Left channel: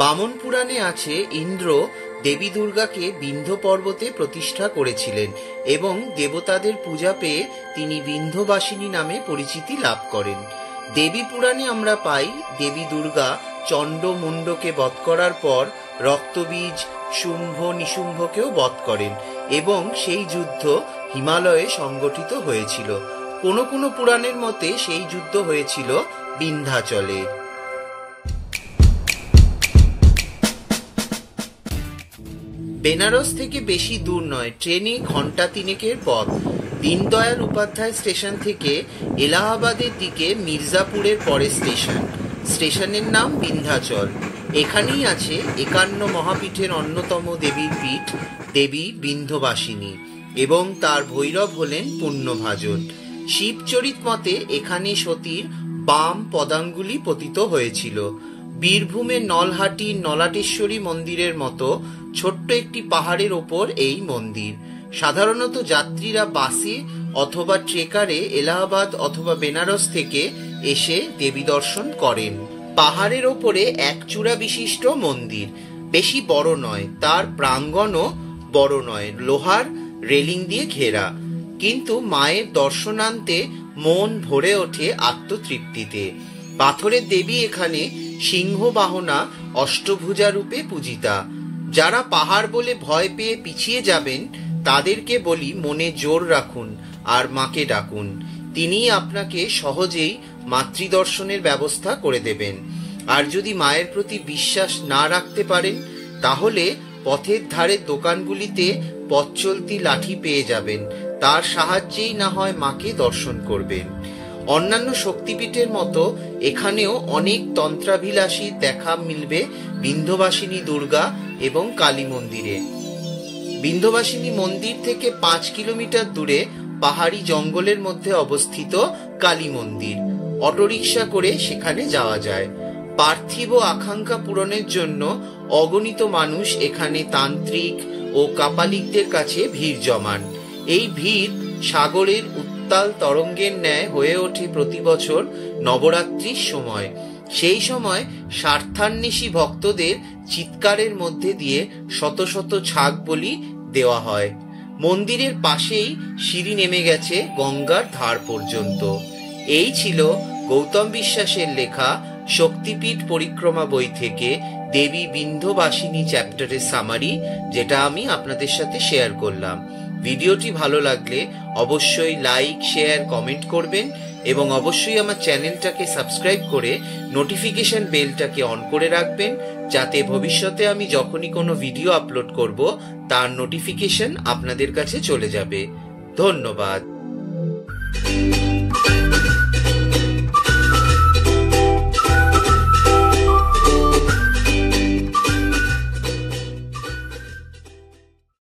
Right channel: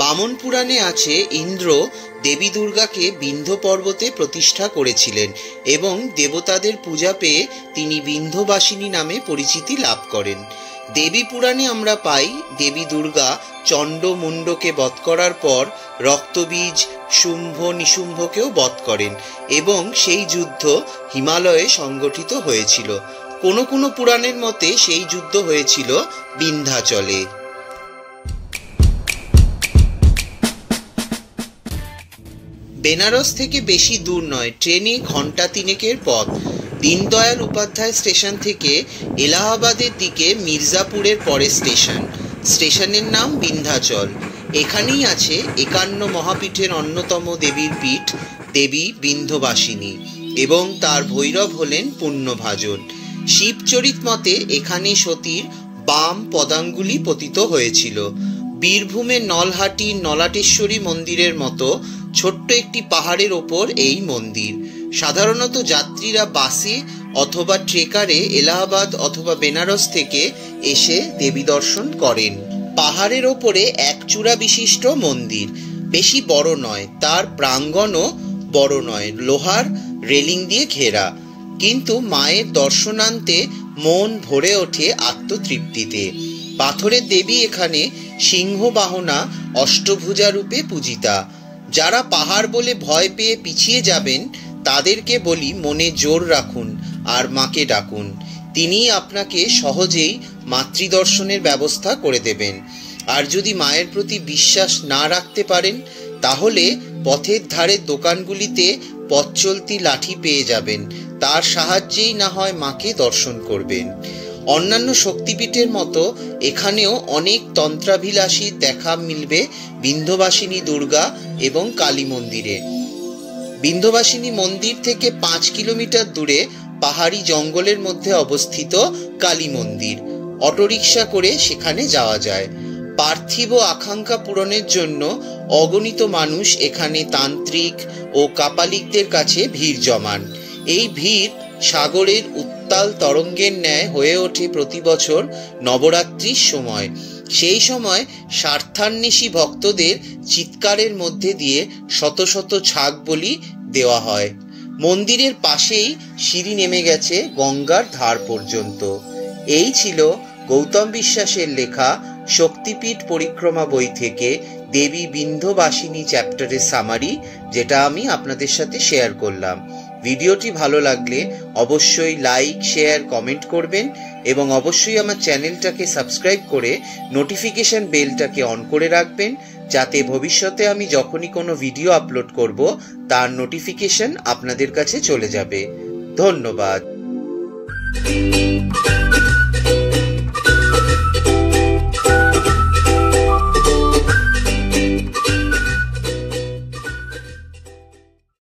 বামন পুরাণে আছে ইন্দ্র দেবী দুর্গাকে বিন্ধ্য পর্বতে প্রতিষ্ঠা করেছিলেন এবং দেবতাদের পূজা পেয়ে তিনি বিন্ধ্যবাসিনী নামে পরিচিতি লাভ করেন। দেবী পুরাণে আমরা পাই দেবী দুর্গা চণ্ড মুণ্ডকে বধ করার পর রক্তবীজ শুম্ভ নিশুম্ভকেও বধ করেন এবং সেই যুদ্ধ হিমালয়ে সংগঠিত হয়েছিল। কোনো কোনো পুরাণের মতে সেই যুদ্ধ হয়েছিল বিন্ধ্যাচলে। বেনারস থেকে বেশি দূর নয়, ট্রেনে ঘন্টা 3 পথ। দীনদয়াল উপাধ্যায় স্টেশন থেকে এলাহাবাদের দিকে মির্জাপুরের পরে স্টেশনের নাম বিন্ধ্যাচল। এখানেই আছে 51 মহাপীঠের অন্যতম দেবীর পীঠ দেবী বিন্ধ্যবাসিনী এবং তার ভৈরব হলেন পুণ্যভাজন। শিবচরিত মতে এখানে সতীর বাম পদাঙ্গুলি পতিত হয়েছিল। বীরভূমের নলহাটির নলাটেশ্বরী মন্দিরের মতো ছোট্ট একটি পাহাড়ের ওপর এই মন্দির। সাধারণত যাত্রীরা বাসে অথবা ট্রেকারে এলাহাবাদ অথবা বেনারস থেকে এসে দেবী দর্শন করেন। পাহাড়ের ওপরে এক চূড়া বিশিষ্ট মন্দির, বেশি বড় নয়, তার প্রাঙ্গণও বড় নয়, লোহার রেলিং দিয়ে ঘেরা, কিন্তু মায়ের দর্শনান্তে মন ভরে ওঠে আত্মতৃপ্তিতে। পাথরের দেবী এখানে সিংহবাহনা অষ্টভুজা রূপে পূজিতা। যারা পাহাড় বলে ভয় পেয়ে পিছিয়ে যাবেন তাদেরকে বলি মনে জোর রাখুন আর মাকে ডাকুন, তিনি আপনাকে সহজেই মাতৃদর্শনের ব্যবস্থা করে দেবেন। আর যদি মায়ের প্রতি বিশ্বাস না রাখতে পারেন তাহলে পথের ধারে দোকানগুলিতে পথ চলতি লাঠি পেয়ে যাবেন, তার সাহায্যেই না হয় মাকে দর্শন করবেন। অন্যান্য শক্তিপীঠের মতো এখানেও অনেক তন্ত্রাভিলাষী দেখা মিলবে বিন্ধ্যবাসিনী দুর্গা এবং কালী মন্দিরে। বিন্ধ্যবাসিনী মন্দির থেকে 5 কিলোমিটার দূরে পাহাড়ি জঙ্গলের মধ্যে অবস্থিত কালী মন্দির। অটোরিকশা করে সেখানে যাওয়া যায়। পার্থিব আকাঙ্ক্ষা পূরণের জন্য অগণিত মানুষ এখানে তান্ত্রিক ও কাপালিকদের কাছে ভিড় জমান। এই ভিড় সাগরের উত্তাল তরঙ্গের ন্যায় হয়ে ওঠে প্রতি বছর নবরাত্রির সময়। সেই সময় স্বার্থান্বেষী ভক্তদের চিৎকারের মধ্যে দিয়ে শত শত ছাগ বলি দেওয়া হয়। মন্দিরের পাশেই সিঁড়ি নেমে গেছে গঙ্গার ধার পর্যন্ত। এই ছিল গৌতম বিশ্বাসের লেখা শক্তিপীঠ পরিক্রমা বই থেকে দেবী বিন্ধ্যবাসিনী চ্যাপ্টারের সামারি, যেটা আমি আপনাদের সাথে শেয়ার করলাম। ভিডিওটি ভালো লাগলে অবশ্যই লাইক, শেয়ার, কমেন্ট করবেন এবং অবশ্যই আমার চ্যানেলটাকে সাবস্ক্রাইব করে নোটিফিকেশন বেলটাকে অন করে রাখবেন, যাতে ভবিষ্যতে আমি যখনই কোনো ভিডিও আপলোড করব তার নোটিফিকেশন আপনাদের কাছে চলে যাবে। ধন্যবাদ।